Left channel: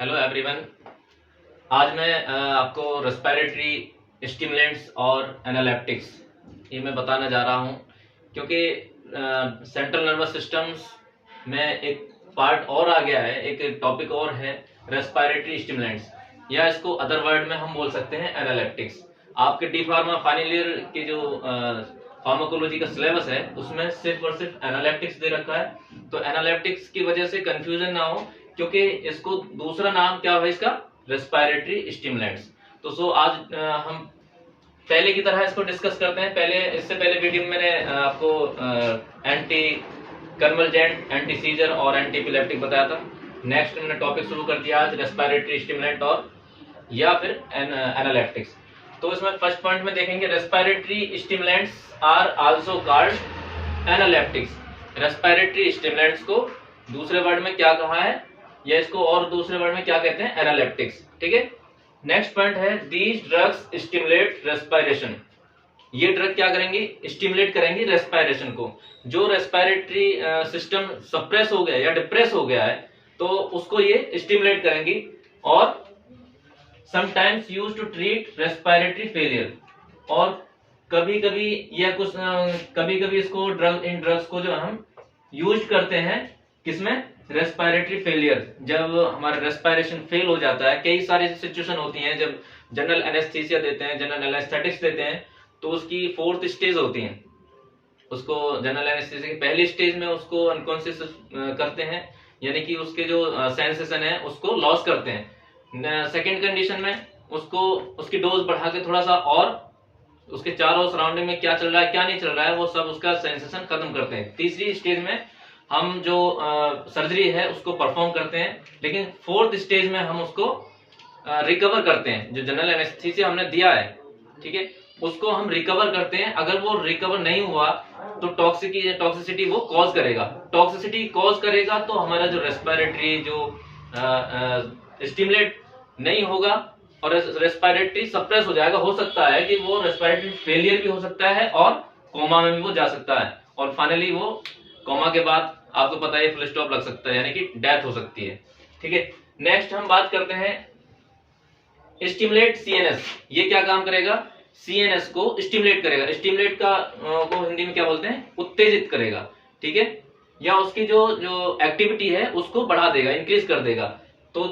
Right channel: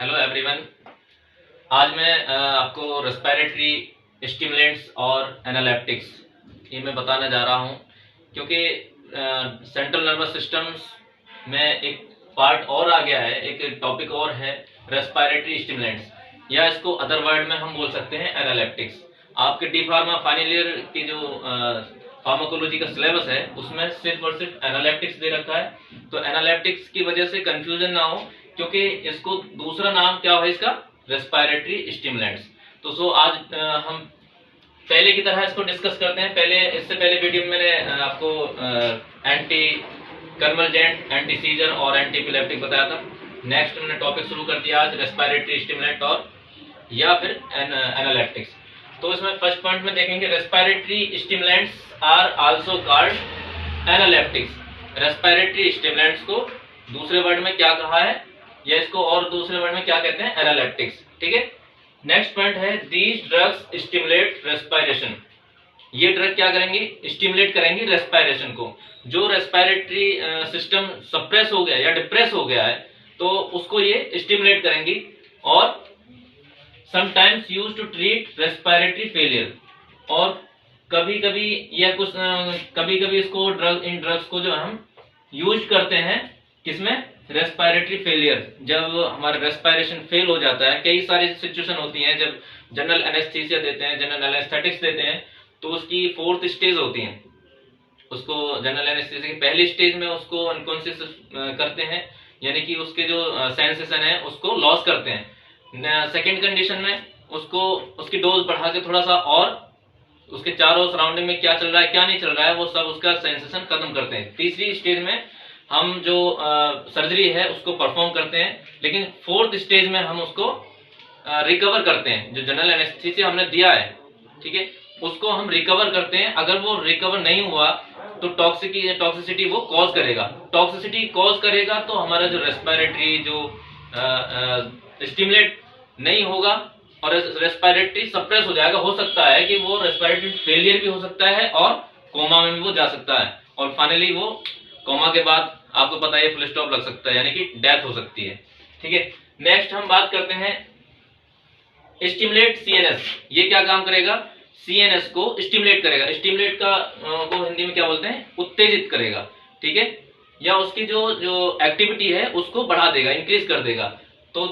Hello everyone. आज मैं आपको रेस्पिरेटरी स्टिमुलेंट्स और एनालिटिक्स ये मैं बताना जा रहा हूँ, क्योंकि सेंट्रल नर्वस सिस्टम्स में एक पार्ट और आ गया है, एक टॉपिक और है रेस्पिरेटरी स्टिमुलेंट्स, या इसको अदर वर्ड में हम बोल सकते हैं एनालिटिक्स। आपके डी फार्मा फाइनल ईयर की जो फार्माकोलॉजी का सिलेबस है उसमें सिर्फ और सिर्फ एनालिटिक्स दे रखा है, तो एनालिटिक्स की वजह से कंफ्यूजन ना हो, क्योंकि इसको दूसरा नाम क्या है इसका, रेस्पिरेटरी स्टिमुलेंट्स। तो आज हम पहले की तरह इसको डिस्कस करते हैं। इससे पहले वीडियो में मैंने आपको एंटी कन्वर्जेंट, एंटी सीजर और एंटी एपिलेप्टिक बताया था। नेक्स्ट मैंने टॉपिक शुरू कर दिया आज रेस्पिरेटरी स्टिमुलेंट और या फिर एनालिटिक्स। तो इसमें फर्स्ट पॉइंट में देखेंगे respiratory stimulants are also called analytics. Respiratory stimulants को दूसरे वर्ड में क्या कहा है, या इसको और दूसरे वर्ड में क्या कहते हैं, एनालिटिक्स। ठीक है। नेक्स्ट पॉइंट है दीज ड्रग्स स्टिमुलेट रेस्पिरेशन। ये ड्रग क्या करेंगी, स्टिमुलेट करेंगी रेस्पिरेशन को। जो रेस्पिरेटरी सिस्टम सप्रेस हो गया या डिप्रेस हो गया है तो उसको ये स्टिमुलेट करेंगी। और sometimes use to treat respiratory failure, और कभी कभी या कुछ कभी कभी इसको इन ड्रग्स को जो हम यूज करते हैं किसमें, रेस्पिरेटरी फेलियर। जब हमारा रेस्पिरेशन फेल हो जाता है, कई सारी सिचुएशन होती हैं जब जनरल एनेस्थीसिया देते हैं, जनरल एनेस्थेटिक्स देते हैं, तो उसकी 4th स्टेज होती है। उसको जनरल एनेस्थीसिया की पहली स्टेज में उसको अनकॉन्शियस करते हैं, यानी कि उसके जो सेंसेशन है उसको लॉस करते हैं। सेकेंड कंडीशन में उसको उसकी डोज बढ़ा के थोड़ा सा और उसके चारों सराउंडिंग में क्या चल रहा है क्या नहीं चल रहा है वो सब उसका सेंसेशन खत्म करते हैं। तीसरी स्टेज में हम जो सर्जरी है उसको परफॉर्म करते हैं, लेकिन 4th स्टेज में हम उसको रिकवर करते हैं। जो जनरल एनेस्थीसिया हमने दिया है, ठीक है, उसको हम रिकवर करते हैं। अगर वो रिकवर नहीं हुआ तो टॉक्सिसिटी वो कॉज करेगा। टॉक्सिसिटी कॉज करेगा तो हमारा जो रेस्पिरेटरी जो स्टिमुलेट नहीं होगा और रेस्पिरेटरी सप्रेस हो जाएगा। हो सकता है कि वो रेस्पिरेटरी फेलियर भी हो सकता है और कोमा में भी वो जा सकता है, और फाइनली वो कोमा के बाद आपको पता है फुल स्टॉप लग सकता है, यानी कि डेथ हो सकती है। ठीक है। नेक्स्ट हम बात करते हैं स्टिमुलेट सीएनएस। ये क्या काम करेगा, सीएनएस को स्टिमुलेट करेगा। स्टिमुलेट का को हिंदी में क्या बोलते हैं, उत्तेजित करेगा। ठीक है, या उसकी जो एक्टिविटी है उसको बढ़ा देगा, इंक्रीज कर देगा। तो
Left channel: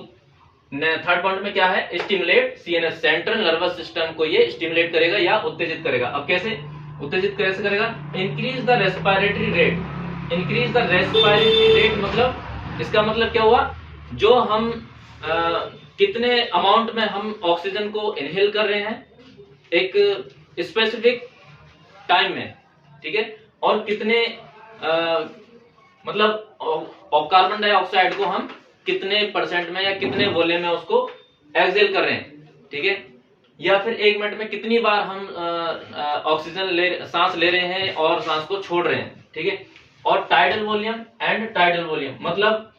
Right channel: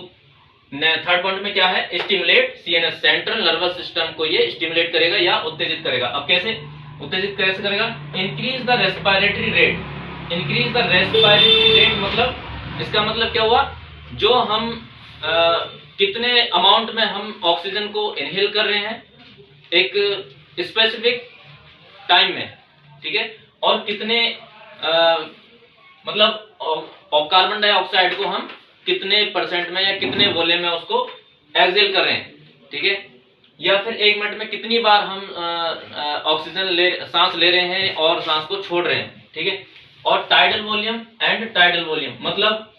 थर्ड पॉइंट में क्या है, stimulate CNS, central nervous system को ये स्टिमुलेट करेगा या उत्तेजित करेगा। अब कैसे उत्तेजित कैसे करेगा, increase the respiratory rate. Increase the respiratory rate मतलब इसका मतलब क्या हुआ, जो हम कितने अमाउंट में हम ऑक्सीजन को इनहेल कर रहे हैं एक स्पेसिफिक टाइम में, ठीक है, और कितने मतलब कार्बन डाइऑक्साइड को हम कितने परसेंट में या कितने वॉल्यूम में उसको एक्सेल कर रहे हैं। ठीक है, या फिर 1 मिनट में कितनी बार हम सांस ले रहे हैं और सांस को छोड़ रहे हैं। ठीक है, और tidal volume and tidal volume मतलब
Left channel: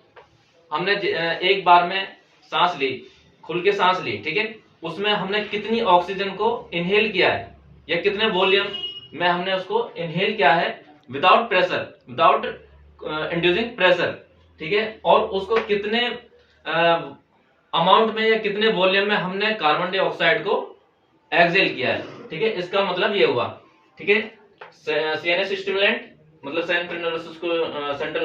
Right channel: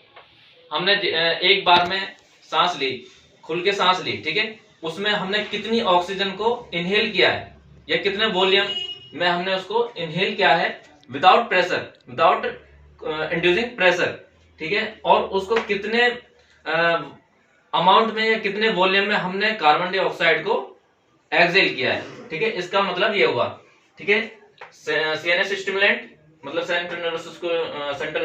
हमने एक बार में सांस ली, खुल के सांस ली, ठीक है, उसमें हमने कितनी ऑक्सीजन को इनहेल किया है या कितने वॉल्यूम में हमने उसको इनहेल किया है without pressure, without inducing pressure. ठीक है, और उसको कितने अमाउंट में या कितने वॉल्यूम में हमने कार्बन डाइऑक्साइड को एक्सेल किया है। ठीक है, इसका मतलब ये हुआ। ठीक है, सीएनएस स्टिमुलेंट मतलब सेंट्रल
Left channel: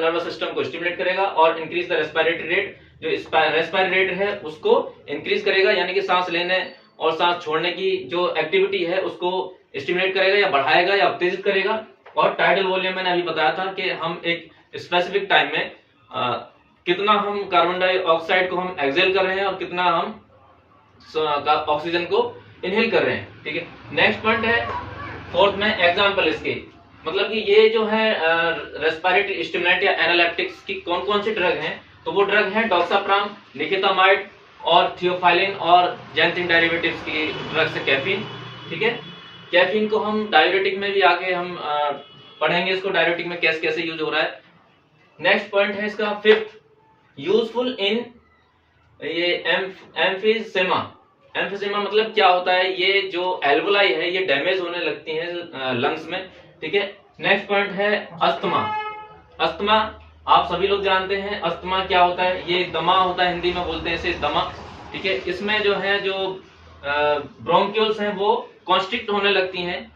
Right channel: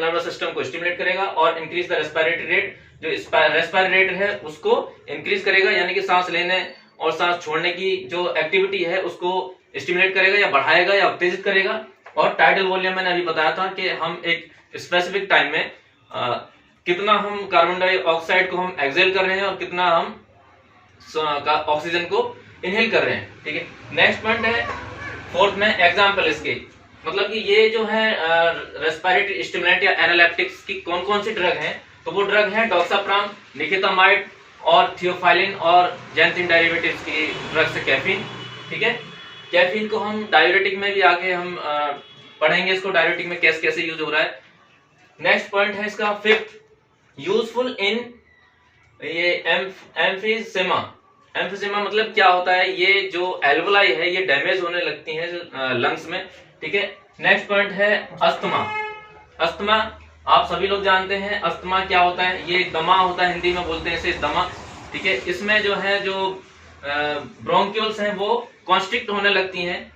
नर्वस सिस्टम को स्टिमुलेट करेगा और इंक्रीज द रेस्पिरेटरी रेट। जो रेस्पिरेटरी रेट है उसको इंक्रीज करेगा, यानी कि सांस लेने और सांस छोड़ने की जो एक्टिविटी है उसको स्टिमुलेट करेगा या बढ़ाएगा या उत्तेजित करेगा। और टाइडल वॉल्यूम मैंने अभी बताया था कि हम एक स्पेसिफिक टाइम में कितना हम कार्बन डाइऑक्साइड को हम एक्सेल कर रहे हैं और कितना हम ऑक्सीजन को इनहेल कर रहे हैं। ठीक है, नेक्स्ट पॉइंट है 4th में एग्जांपल इसके, मतलब कि ये जो है रेस्पिरेटरी स्टिमुलेंट या एनालिटिक्स की कौन कौन सी ड्रग हैं, तो वो ड्रग हैं डॉक्साप्राम, निकेतामाइड और थियोफाइलिन और जैंथिन डेरिवेटिव्स की ड्रग्स है कैफीन। ठीक है, कैफीन को हम डाययूरेटिक में भी आगे हम पढ़ेंगे, इसको डाययूरेटिक में कैसे कैसे यूज हो रहा है। नेक्स्ट पॉइंट है इसका 5th, यूजफुल इन ये एम्फीसेमा। एम्फीसेमा मतलब क्या होता है, ये जो एल्वोलाई है ये डैमेज होने लगती हैं लंग्स में। ठीक है, नेक्स्ट पॉइंट है अस्थमा। अस्थमा आप सभी लोग जानते हैं अस्थमा क्या होता है, ये दमा होता है, हिंदी में बोलते हैं इसे दमा, ठीक है। इसमें जो है जो ब्रोंक्यूल्स हैं वो कॉन्स्ट्रिक्ट होने लगती हैं,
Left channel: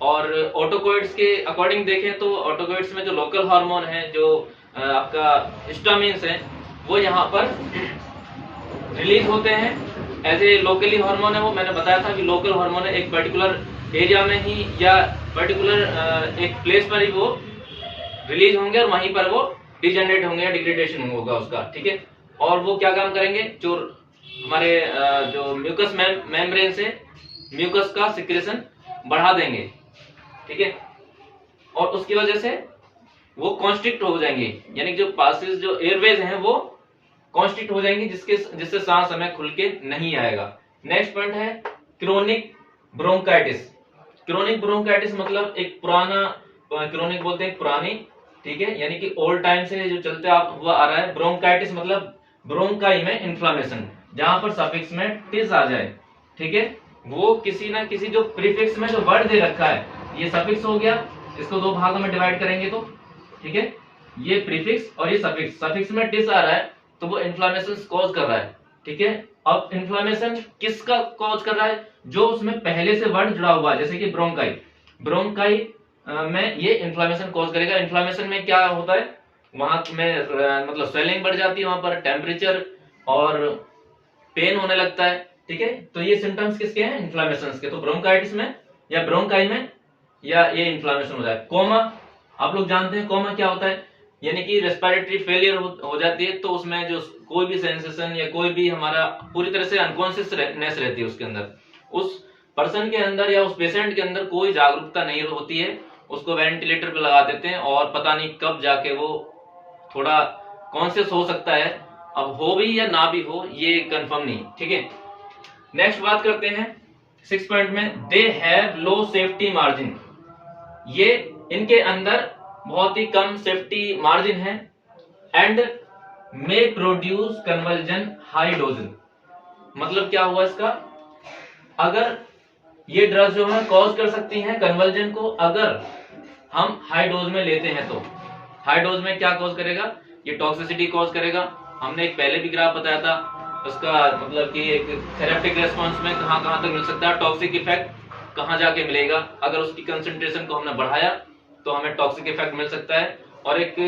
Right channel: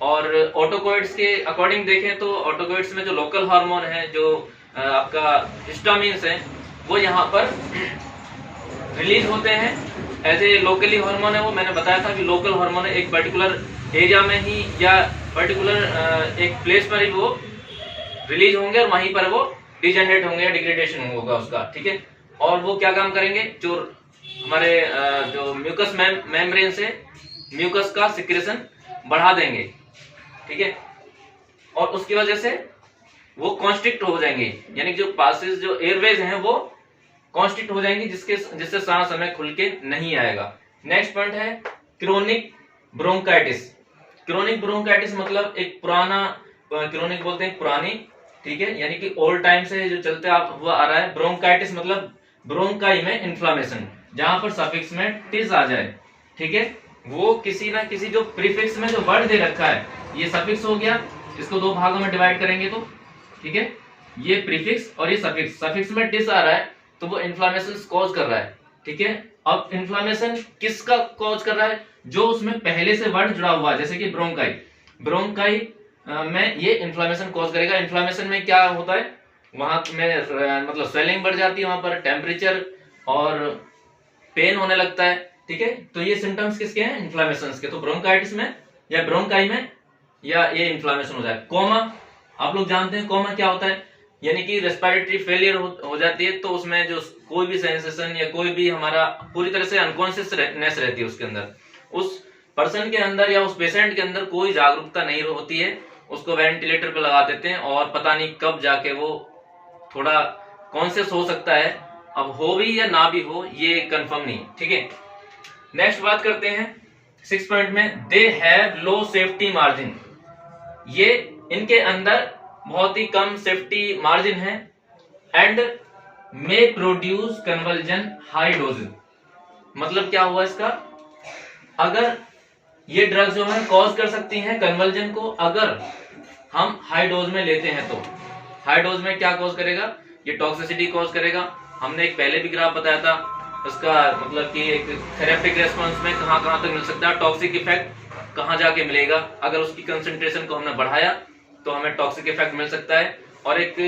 और ऑटोकोइड्स के अकॉर्डिंग देखें तो ऑटोकोइड्स में जो लोकल हार्मोन है, जो आपका हिस्टामिन्स है, वो यहाँ पर रिलीज होते हैं एज ए लोकली हार्मोन है। वो मैंने बताया था कि लोकल हार्मोन है, एक पर्टिकुलर एरिया में ही या पर्टिकुलर एक प्लेस पर ही वो रिलीज होंगे और वहीं पर वो डिजेनरेट होंगे या डिग्रेडेशन होगा उसका, ठीक है। और वो क्या काम करेंगे, जो हमारे जो म्यूकस मेम्ब्रेन से म्यूकस का सिक्रेशन बढ़ा देंगे, ठीक है, और उसकी वजह से वो कॉन्स्ट्रिक्ट हो जाएंगे, यानी जो पासेस जो एयरवेज हैं वो कॉन्स्ट्रिक्ट हो जाएंगी, जिससे सांस हमें खुल के नहीं आएगा। नेक्स्ट पॉइंट है क्रोनिक ब्रोंकाइटिस। क्रोनिक ब्रोंकाइटिस मतलब एक पुराना, क्रोनिक बोलते हैं पुरानी, ठीक है, यानी कि ओल्ड टाइम से जो चलते हुआ आ रहा है। ब्रोंकाइटिस मतलब ब्रोंकाई में इन्फ्लामेशन, जहां पर सफिक्स में टिस आ जाए, ठीक है, वो किसी ना किसी जो प्रीफिक्स में जो वर्ड दे रखा है, ये सफिक्स हो गया, इसको दो भागों में डिवाइड करेंगे तो, ठीक है, ये प्रीफिक्स और ये सफिक्स। सफिक्स में टिस आ रहा है तो वो इन्फ्लामेशन कॉज कर रहा है, ठीक है। अब इन्फ्लामेशन किसका कॉज कर रहा है, जो उसमें पहले से वर्ड जुड़ा हुआ है, जैसे कि ब्रोंकाई, ब्रोंकाई में ये इन्फ्लामेशन कॉज करेगा। इन्फ्लामेशन में क्या होता है, वहां में मतलब स्वेलिंग बढ़ जाती है, वहां पर टेम्परेचर और पेन होने लगता है, ठीक है। तो ये सिम्टम्स किसके हैं, इन्फ्लामेशन के। तो ब्रोंकाइटिस में या ब्रोंकाई में या ये इन्फ्लामेशन होता है। कोमा, आप लोग जानते हैं कोमा क्या होता है, यानी कि रेस्पिरेटरी फेलियर हो जाती है, तो उसमें जो कोई भी सेंसेशन या कोई भी हमारा पूरी तरह से अनकॉन्शियसनेस रहती है उसके अंदर, उस पर्सन के अंदर या उस पेशेंट के अंदर कोई जागरूकता नहीं होती है, उसको वेंटिलेटर पे लगा देते हैं और पता नहीं कब जाके वो थोड़ा कॉन्शियस हो सकता है। अब हो भी या ना भी हो ये कंफर्म नहीं, ठीक है। नेक्स्ट बात करते हैं 6 पॉइंट में, they have low safety margin. ये इनके अंदर बहुत ही कम सेफ्टी मार्जिन है, and may produce convulsion high dose. मतलब क्या हुआ इसका, अगर ये ड्रग जो है कॉज कर सकती हैं कन्वल्जन को, अगर हम हाई डोज में लेते हैं तो। हाई डोज में क्या कॉज करेगा, ये टॉक्सिसिटी कॉज करेगा। हमने एक पहले भी ग्राफ बताया था उसका, मतलब कि एक थेरेपिक रेस्पॉन्स में कहां कहां तक मिल सकता है, टॉक्सिक इफेक्ट कहां जाके मिलेगा। अगर उसकी कंसंट्रेशन को हमने बढ़ाया तो हमें टॉक्सिक इफेक्ट मिल सकता है, और एक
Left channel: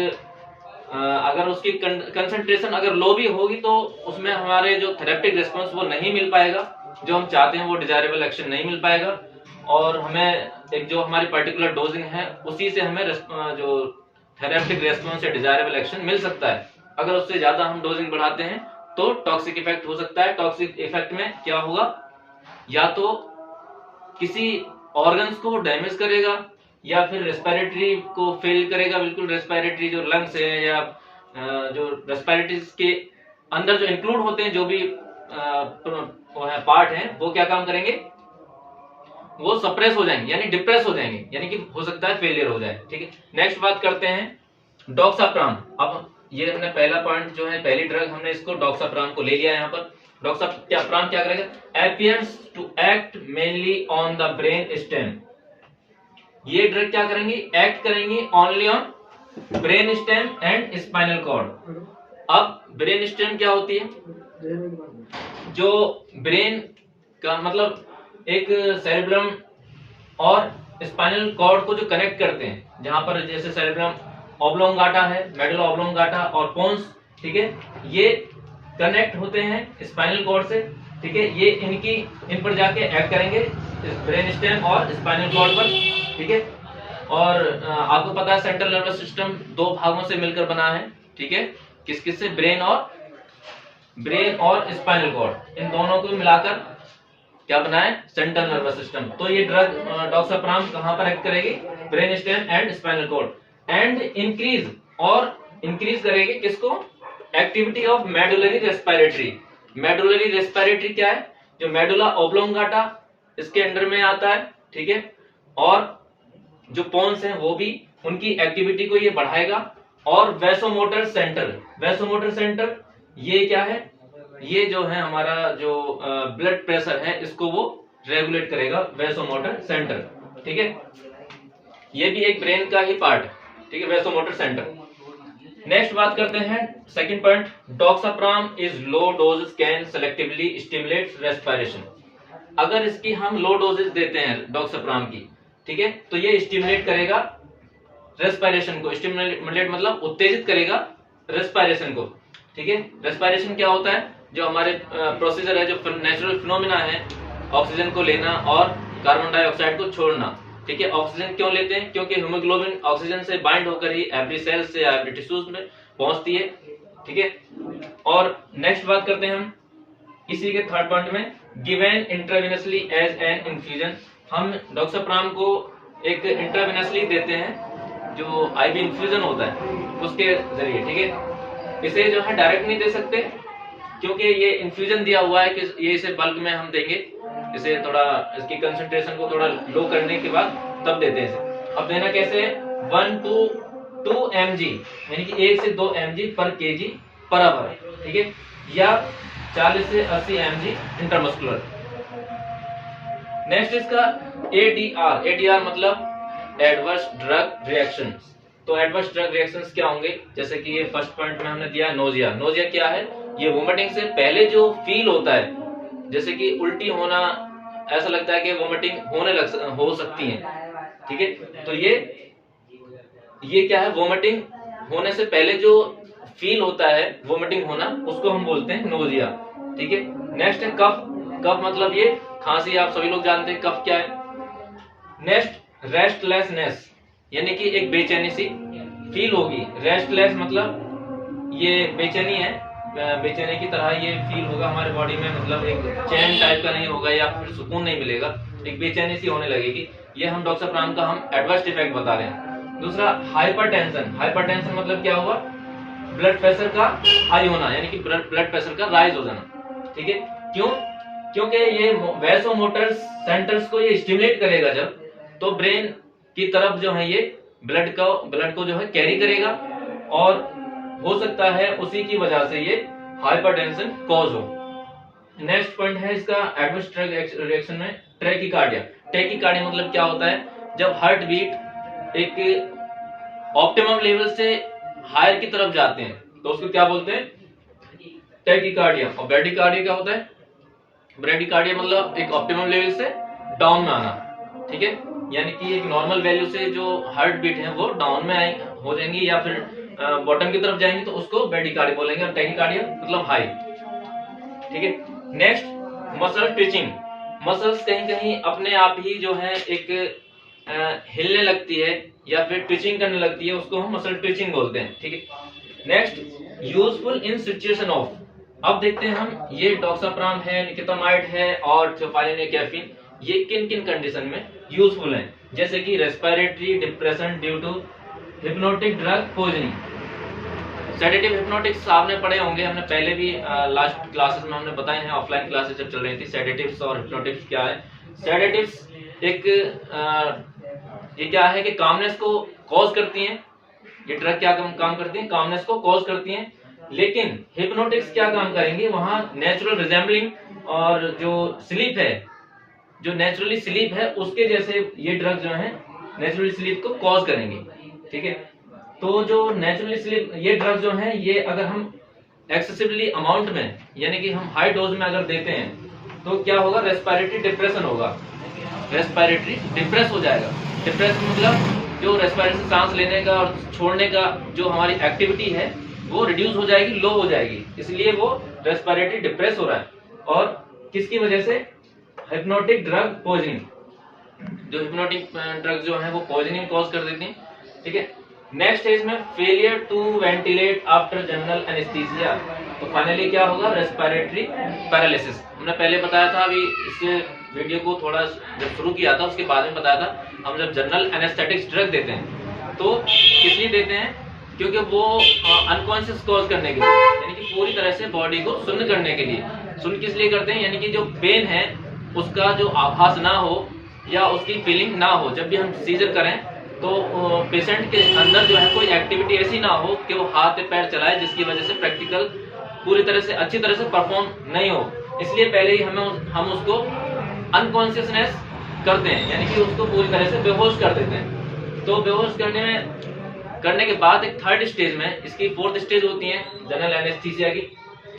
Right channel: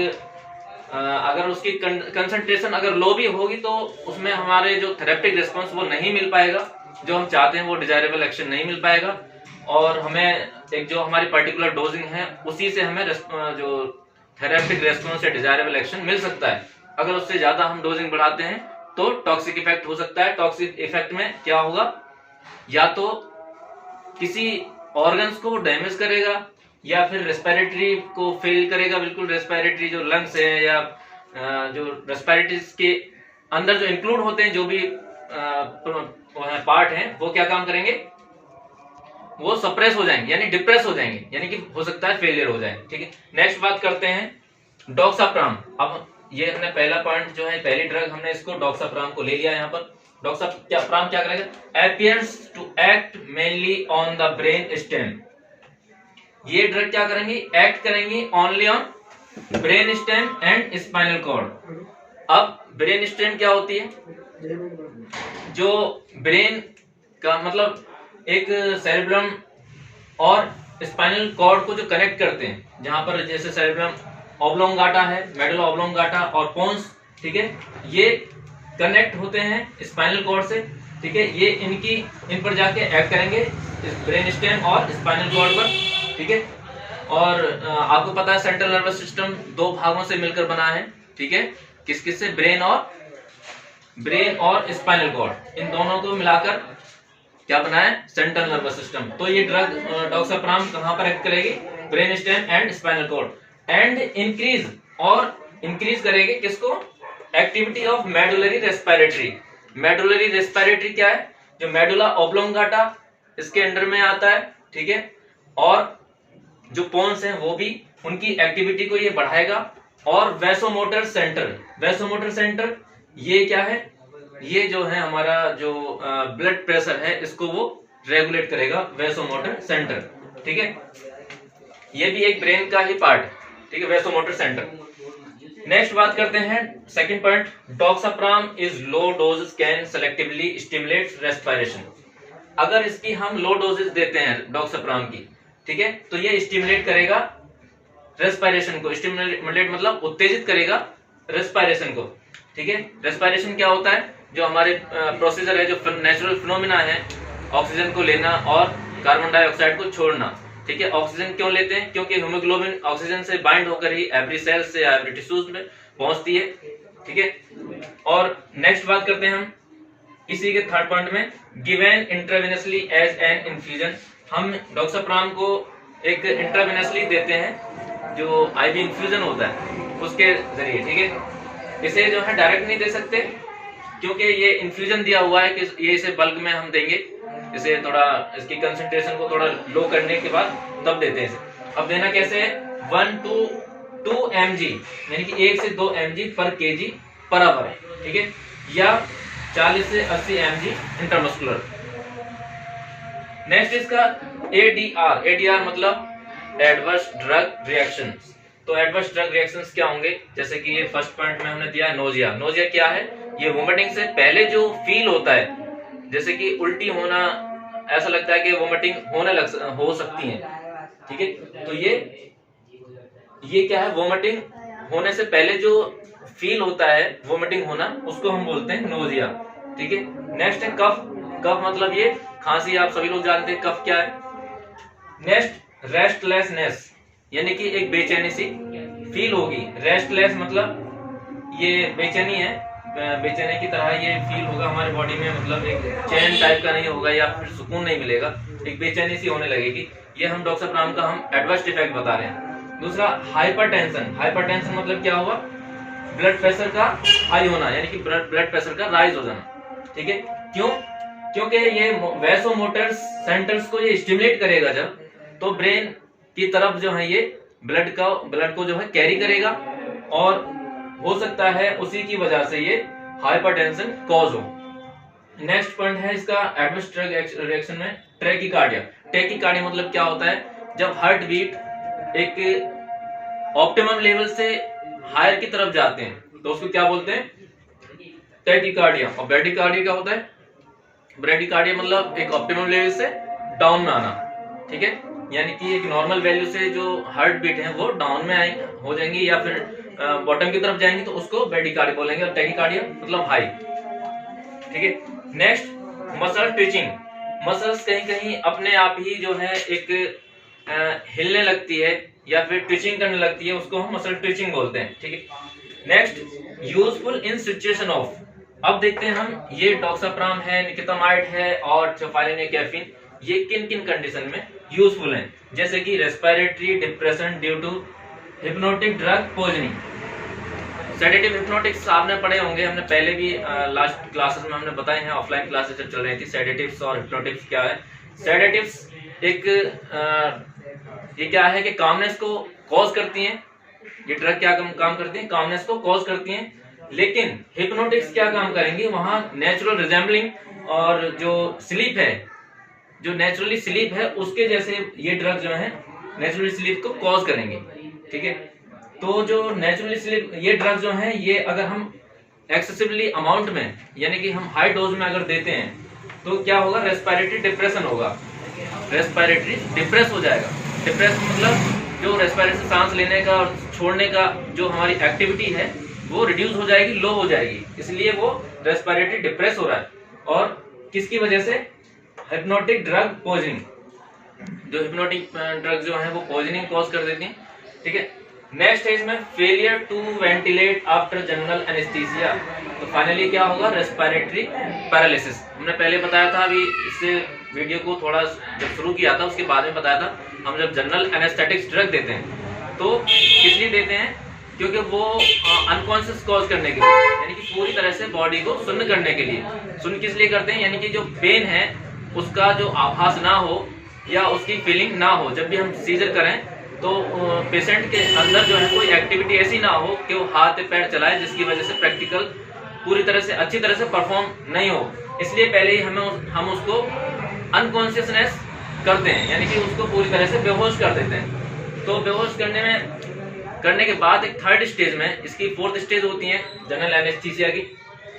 अगर उसकी कंसंट्रेशन अगर लो भी होगी तो उसमें हमारे जो थेरेप्टिक रिस्पॉन्स वो नहीं मिल पाएगा, जो हम चाहते हैं वो डिजायरेबल एक्शन नहीं मिल पाएगा, और हमें एक जो हमारी पर्टिकुलर डोजिंग है उसी से हमें जो थेरेप्टिक रेस्पॉन्स या डिजायरेबल एक्शन मिल सकता है। अगर उससे ज्यादा हम डोजिंग बढ़ाते हैं तो टॉक्सिक इफेक्ट हो सकता है। टॉक्सिक इफेक्ट में क्या होगा, या तो किसी ऑर्गन्स को डैमेज करेगा, या फिर रेस्पिरेटरी को फेल करेगा, बिल्कुल रेस्पिरेटरी जो लंग्स है या जो रेस्पिरेटरी के अंदर जो इंक्लूड होते हैं जो भी पार्ट हैं, वो क्या काम करेंगे, वो सप्रेस हो जाएंगे, यानी डिप्रेस हो जाएंगे, यानी कि हो सकता है फेलियर हो जाए, ठीक है। नेक्स्ट बात करते हैं डॉक्साप्राम। अब ये हमने पहला पॉइंट जो है, पहली ड्रग हमने इसको डॉक्साप्राम को ले लिया यहाँ पर। डॉक्साप्राम क्या करेगा, appears to act mainly on the brain stem। ये ड्रग क्या करेंगी, एक्ट करेंगी only on brain stem and spinal cord. अब ब्रेन स्टेम क्या होती है, जो ब्रेन का मतलब एक सेरेब्रम और स्पाइनल कॉर्ड को जो कनेक्ट करते हैं, जहां पर जैसे सेरेब्रम ऑब्लोंगाटा है, मेडुला ऑब्लोंगाटा और पोन्स, ठीक है, ये कनेक्ट होते हैं स्पाइनल कॉर्ड से, ठीक है। ये इन पर जाके एक्ट करेंगे ब्रेन स्टेम और स्पाइनल कॉर्ड पर, ठीक है। और आपको पता है सेंट्रल नर्वस सिस्टम दो भागों से मिलकर बना है, ठीक है, किस किस से, ब्रेन और स्पाइनल कॉर्ड, इन दोनों को मिलाकर क्या बना है, सेंट्रल नर्वस सिस्टम। तो ये ड्रग डॉक्साप्राम कहां पर एक्ट करेगी, brain stem and spinal cord, and increase करेगी किसको, activity of medullary respiratory. Medullary respiratory क्या है, जो मेडुला ऑब्लोंगाटा इसके अंडर में आता है, ठीक है, और जो पोन्स हैं वो भी, उनकी एक्टिविटी को ये बढ़ाएगा। और वैसोमोटर सेंटर, ये क्या है, ये जो है हमारा जो ब्लड प्रेशर है इसको वो रेगुलेट करेगा, वैसोमोटर सेंटर, ठीक है। ये भी एक ब्रेन का ही पार्ट, ठीक है, वैसोमोटर सेंटर। नेक्स्ट बात करते हैं second point, doxapram is low doses can selectively stimulate respiration. अगर इसकी हम लो डोजेस देते हैं डॉक्साप्राम की, ठीक है, तो ये स्टिमुलेट करेगा रेस्पिरेशन को। स्टिमुलेट मतलब उत्तेजित करेगा रेस्पिरेशन को, ठीक है। रेस्पिरेशन क्या होता है, जो हमारे प्रोसीजर है, जो नेचुरल फिनोमिना है, ऑक्सीजन को लेना और कार्बन डाइऑक्साइड को छोड़ना, ठीक है। ऑक्सीजन क्यों लेते हैं, क्योंकि हीमोग्लोबिन ऑक्सीजन से बाइंड होकर ही एवरी सेल से एवरी टिश्यूज में पहुंचती है, ठीक है। और नेक्स्ट बात करते हैं हम इसी के थर्ड पॉइंट में, given intravenously as an infusion. हम डॉक्साप्राम को एक इंट्रावेनसली देते हैं, जो आईवी इन्फ्यूजन होता है उसके जरिए, ठीक है। इसे जो है डायरेक्ट नहीं दे सकते, क्योंकि ये इन्फ्यूजन दिया हुआ है कि ये इसे बल्क में हम देंगे, इसे थोड़ा इसकी कंसंट्रेशन को थोड़ा लो करने के बाद तब देते हैं इसे। अब देना कैसे है, 1 to 2 mg यानी कि 1 से 2 mg पर kg पर आवर, ठीक है, या 40 से 80 mg इंटरमस्कुलर। नेक्स्ट इसका ADR मतलब एडवर्स ड्रग रिएक्शंस। तो एडवर्स ड्रग रिएक्शंस क्या होंगे, जैसे कि ये फर्स्ट पॉइंट में हमने दिया नोजिया। नोजिया क्या है, ये वोमिटिंग से पहले जो फील होता है, जैसे कि उल्टी होना, ऐसा लगता है कि वोमिटिंग हो सकती है, ठीक है। तो ये क्या है, वोमिटिंग होने से पहले जो फील होता है वोमिटिंग होना, उसको हम बोलते हैं नोजिया, ठीक है। नेक्स्ट है कफ। कफ मतलब ये खांसी, आप सभी लोग जानते हैं कफ क्या है। नेक्स्ट रेस्टलेसनेस, यानी कि एक बेचैनी सी फील होगी। रेस्टलेस मतलब ये बेचैनी है, बेचैनी की तरह ये फील होगा हमारे बॉडी में, मतलब एक चैन टाइप का नहीं होगा या फिर सुकून नहीं मिलेगा, एक बेचैनी सी होने लगेगी। ये हम डॉक्साप्राम का हम एडवर्स इफेक्ट बता रहे हैं। दूसरा हाइपरटेंशन। हाइपरटेंशन मतलब क्या हुआ, ब्लड प्रेशर का हाई होना, यानी कि ब्लड प्रेशर का राइज हो जाना, ठीक है। क्यों, क्योंकि ये वैसोमोटर सेंटर्स को ये स्टिमुलेट करेगा जब, तो ब्रेन की तरफ जो है ये ब्लड को जो है कैरी करेगा, और हो सकता है उसी की वजह से ये हाइपरटेंशन कॉज हो। नेक्स्ट पॉइंट है इसका एडवर्स ड्रग रिएक्शन में टैकीकार्डिया। टैकीकार्डिया मतलब क्या होता है, जब हार्ट बीट एक ऑप्टिमम लेवल से हायर की तरफ जाते हैं तो उसको क्या बोलते हैं, टैकीकार्डिया। और ब्रैडीकार्डिया क्या होता है, ब्रैडीकार्डिया मतलब एक ऑप्टिमम लेवल से डाउन में आना, ठीक है। यानी कि एक नॉर्मल वैल्यू से जो हार्ट बीट है वो डाउन में हो जाएंगी या फिर बॉटम की तरफ जाएंगे, तो उसको ब्रैडीकार्डिया बोलेंगे। और टैकीकार्डिया मतलब हाई, ठीक है। Next muscle twitching. मसल्स कहीं कहीं अपने आप ही जो है एक हिलने लगती है या फिर ट्विचिंग करने लगती है, उसको हम मसल ट्विचिंग बोलते हैं, ठीक है। Next useful in situation of. अब देखते हैं हम, ये डॉक्साप्राम है, निकोटामाइड है और थियोफाइलिन है, कैफीन, ये किन किन कंडीशन में यूजफुल हैं, जैसे कि respiratory depression due to hypnotic drug poisoning. Sedative hypnotics आपने पढ़े होंगे, हमने पहले भी लास्ट क्लासेस में हमने बताए हैं, ऑफलाइन क्लासेस जब चल रही थी। सेडेटिव्स और हिप्नोटिक्स क्या है। सेडेटिव्स एक ये क्या है कि कामनेस को कॉज करती हैं, ये ड्रग क्या काम करती हैं, कामनेस को कॉज करती हैं। लेकिन हिप्नोटिक्स क्या काम करेंगे, वहां नेचुरल रिजेंबलिंग और जो स्लीप है, जो नेचुरली स्लीप है उसके जैसे ये ड्रग जो है नेचुरली स्लीप को कॉज करेंगे, ठीक है। तो जो नेचुरली स्लीप ये ड्रग जो है, ये अगर हम एक्सेसिवली अमाउंट में यानी कि हम हाई डोज में अगर देते हैं तो क्या होगा, रेस्पिरेटरी डिप्रेशन होगा, रेस्पिरेटरी डिप्रेस हो जाएगा। डिप्रेस मतलब जो रेस्पिरेशन सांस लेने का और छोड़ने का जो हमारी एक्टिविटी है वो रिड्यूस हो जाएगी, लो हो जाएगी, इसलिए वो रेस्पिरेटरी डिप्रेस हो रहा है। और किसकी वजह से, हिप्नोटिक ड्रग पॉइजनिंग। जो हिप्नोटिक ड्रग जो है वो पॉइजनिंग कॉज कर देती हैं, ठीक है। नेक्स्ट है इसमें failure to ventilate after general anaesthesia. तो फाइनली क्या होगा, रेस्पिरेटरी पैरालिसिस। हमने पहले बताया था, अभी इससे वीडियो को थोड़ा जब शुरू किया था उसके बाद में बताया था, हम जब जनरल एनेस्थेटिक्स ड्रग देते हैं तो किस लिए देते हैं, क्योंकि वो अनकॉन्शियस कॉज करने के लिए, यानी कि पूरी तरह से बॉडी को सुन्न करने के लिए। सुन्न किस लिए करते हैं, यानी कि जो पेन है उसका जो आभास ना हो या उसकी फीलिंग ना हो। जब भी हम सीजर करें तो पेशेंट के अंदर जो है कोई एक्टिविटी ऐसी ना हो कि वो हाथ पैर चलाए, जिसकी वजह से प्रैक्टिकल पूरी तरह से अच्छी तरह से परफॉर्म नहीं हो। इसलिए पहले ही हम उसको अनकॉन्शियसनेस करते हैं, यानी कि उसको पूरी तरह से बेहोश कर देते हैं। तो बेहोश करने में करने के बाद एक थर्ड स्टेज में, इसकी फोर्थ स्टेज होती है जनरल एनेस्थीसिया की,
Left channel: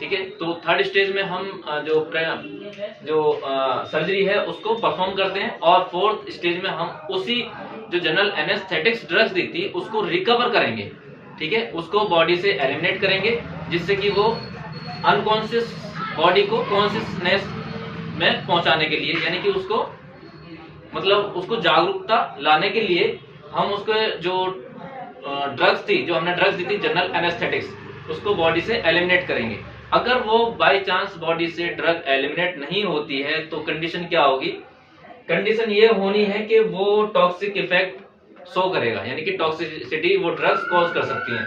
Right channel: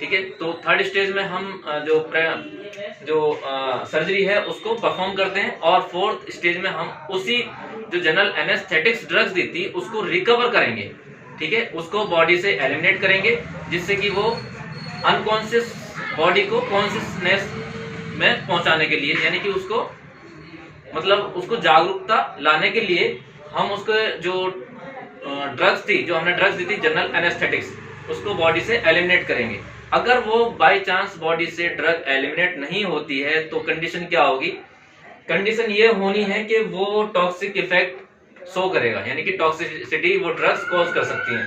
ठीक है। तो थर्ड स्टेज में हम जो सर्जरी है उसको परफॉर्म करते हैं, और फोर्थ स्टेज में हम उसी जो जनरल एनेस्थेटिक्स ड्रग्स दी थी उसको रिकवर करेंगे, ठीक है, उसको बॉडी से एलिमिनेट करेंगे, जिससे कि वो अनकॉन्शियस बॉडी को कॉन्शियसनेस में पहुंचाने के लिए, यानी कि उसको मतलब उसको जागरूकता लाने के लिए हम उसको जो ड्रग्स थी, जो हमने ड्रग्स दी थी जनरल एनेस्थेटिक्स, उसको बॉडी से एलिमिनेट करेंगे। अगर वो बाय चांस बॉडी से ड्रग एलिमिनेट नहीं होती है तो कंडीशन क्या होगी? कंडीशन ये होनी है कि वो टॉक्सिक इफेक्ट शो करेगा, यानी कि टॉक्सिसिटी वो ड्रग्स कॉज कर सकती हैं।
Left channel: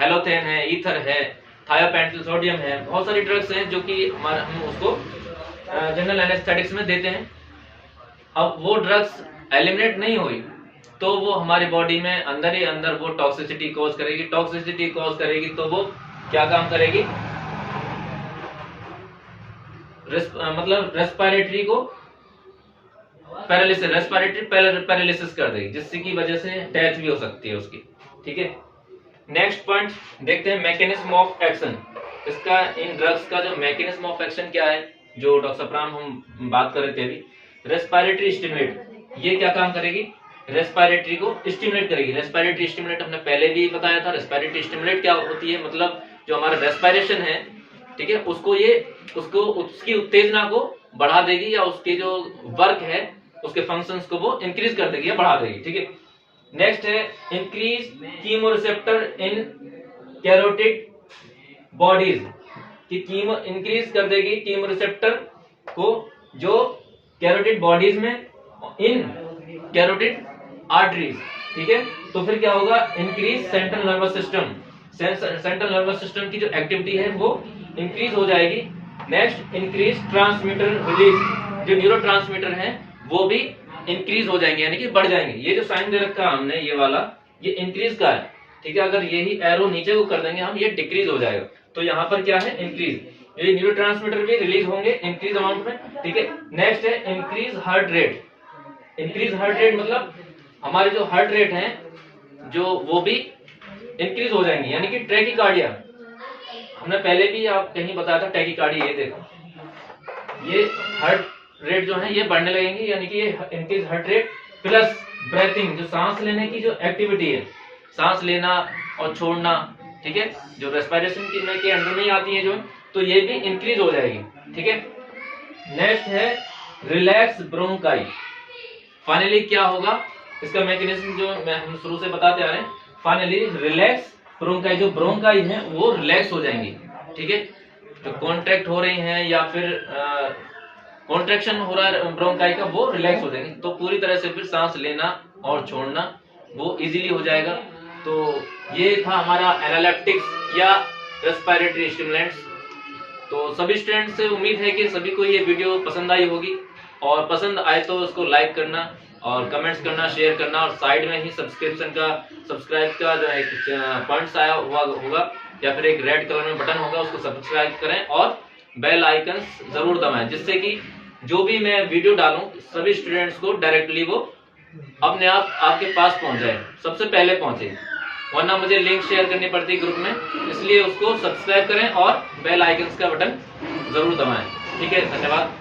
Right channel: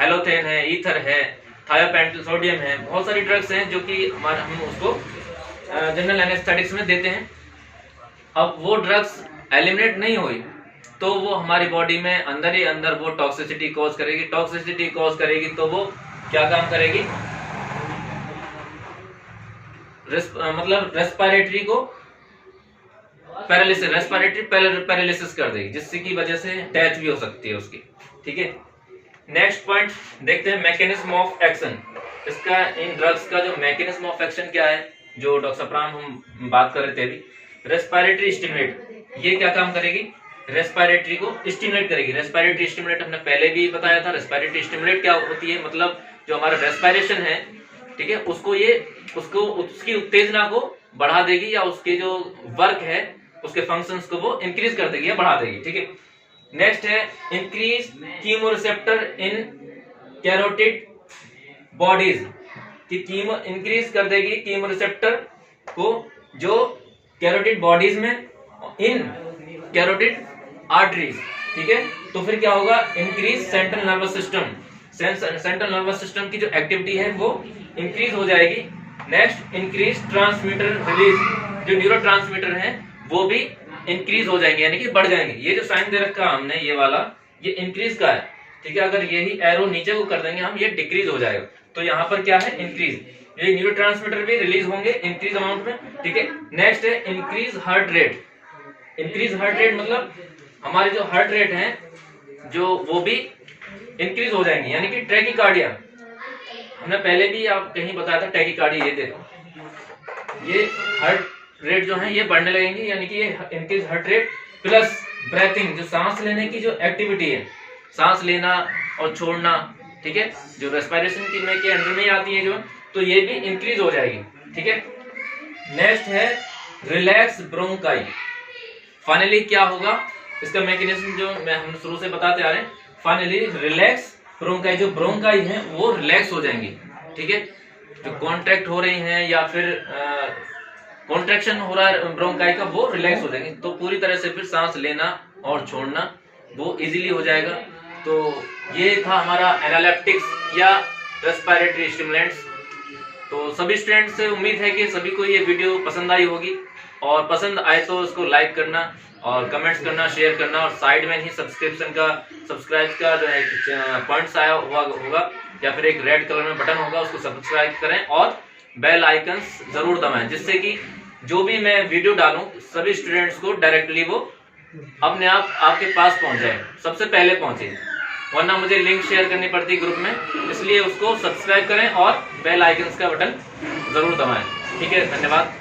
हेलोथेन है, ईथर है, थायोपेंटल सोडियम है, बहुत सारी ड्रग्स हैं जो कि हम उसको जनरल एनेस्थेटिक्स में देते हैं। अब वो ड्रग्स एलिमिनेट नहीं हुई तो वो हमारी बॉडी में अंदर ही अंदर वो टॉक्सिसिटी कॉज करेगी। टॉक्सिसिटी कॉज करेगी तो वो क्या काम करेगी? मतलब रेस्पिरेटरी को पैरालिसिस, रेस्पिरेटरी पैरालिसिस कर देगी, जिससे की वजह से डेथ भी हो सकती है उसकी, ठीक है। नेक्स्ट पॉइंट देखते हैं, मैकेनिज्म ऑफ एक्शन। इसका इन ड्रग्स का जो मैकेनिज्म ऑफ एक्शन क्या है, जो डॉक्सोप्राम हम बात कर रहे थे अभी। रेस्पिरेटरी स्टिमुलेट, ये क्या काम करेगी? रेस्पिरेटरी को स्टिमुलेट करेगी। रेस्पिरेटरी स्टिमुलेट हमने पहले भी बताया था। रेस्पिरेटरी स्टिमुलेट क्या होती है? मतलब जो हमारा रेस्पिरेशन है, ठीक है, उसको उसकी उत्तेजना को बढ़ा देगी, या उसके जो वर्क है उसके फंक्शंस को वो इंक्रीज कर देगी या बढ़ा देगी, ठीक है। नेक्स्ट है इंक्रीज कीमोरिसेप्टर इन कैरोटिड बॉडीज, कि कीमो इंक्रीज कर देगी कीमोरिसेप्टर को जो कैरोटिड बॉडीज में, इन कैरोटिड आर्टरीज, ठीक है। तो फिर क्या होगा? Increase central nervous system, central nervous system की जो एक्टिविटी है वो इंक्रीज हो जाएगी। नेक्स्ट इंक्रीज ट्रांसमीटर रिलीज, जो न्यूरो ट्रांसमीटर है वो भी इंक्रीज हो जाएंगे, यानी कि बढ़ जाएंगे। ये जो साइन दे रखा है हमने, ये वाला, ये इंक्रीज का है, ठीक है। अगर यही एरो नीचे को कर देंगे हम, ये डिक्रीज हो जाएगा। तो यहाँ पर क्या है? इंक्रीज, ये न्यूरो ट्रांसमीटर भी रिलीज होंगे इंक्रीज अमाउंट में, ठीक है। नेक्स्ट है increase heart rate. Increase heart rate मतलब हमारे जो हार्ट रेट है जो वो भी इंक्रीज हो जाएंगे, यानी कि ट्रैकीकार्डिया, हमने पहले भी आप कहीं बताया था टैकीकार्डिया, ये देखो, ये हार्ट रेट जो है ये बढ़ने लगेंगे, यानी कि ये increase heart rate plus breathing, जो सांस लेने की जो एक्टिविटी है, सांस लेना और छोड़ना, ठीक है, जो रेस्पिरेशन की में के अंडर में आती है जो, तो ये भी इंक्रीज हो जाएगी, ठीक है। नेक्स्ट है रिलैक्स ब्रोंकाई। फाइनली क्या होगा? इसका मैकेनिज्म जो हम शुरू से बताते आ रहे हैं, फाइनली रिलैक्स ब्रोंकाई, जो ब्रोंकाई है वो रिलैक्स हो जाएंगी, ठीक है। जो कॉन्ट्रैक्ट हो रही हैं या फिर कॉन्ट्रैक्शन हो रहा है ब्रोंकाई का, वो रिलैक्स हो जाएंगे, तो पूरी तरह से फिर सांस लेना और छोड़ना वो इजीली हो जाएगा। तो ये था हमारा एनालेप्टिक्स या रेस्पिरेटरी स्टिमुलेंट्स। तो सभी स्टूडेंट्स से उम्मीद है कि सभी को ये वीडियो पसंद आई होगी, और पसंद आए तो उसको लाइक करना और कमेंट्स करना, शेयर करना, और साइड में ही सब्सक्राइब का जो है पॉइंट्स आया हुआ होगा, या फिर एक रेड कलर में बटन होगा, उसको सब्सक्राइब करें और बेल आइकन्स जरूर दबाएं, जिससे कि जो भी मैं वीडियो डालूं सभी स्टूडेंट्स को डायरेक्टली वो अपने आप आपके पास पहुंच जाए, सबसे पहले पहुंचे, वरना मुझे लिंक शेयर करनी पड़ती ग्रुप में। इसलिए उसको सब्सक्राइब करें और बेल आइकन्स का बटन जरूर दबाएं, ठीक है। धन्यवाद।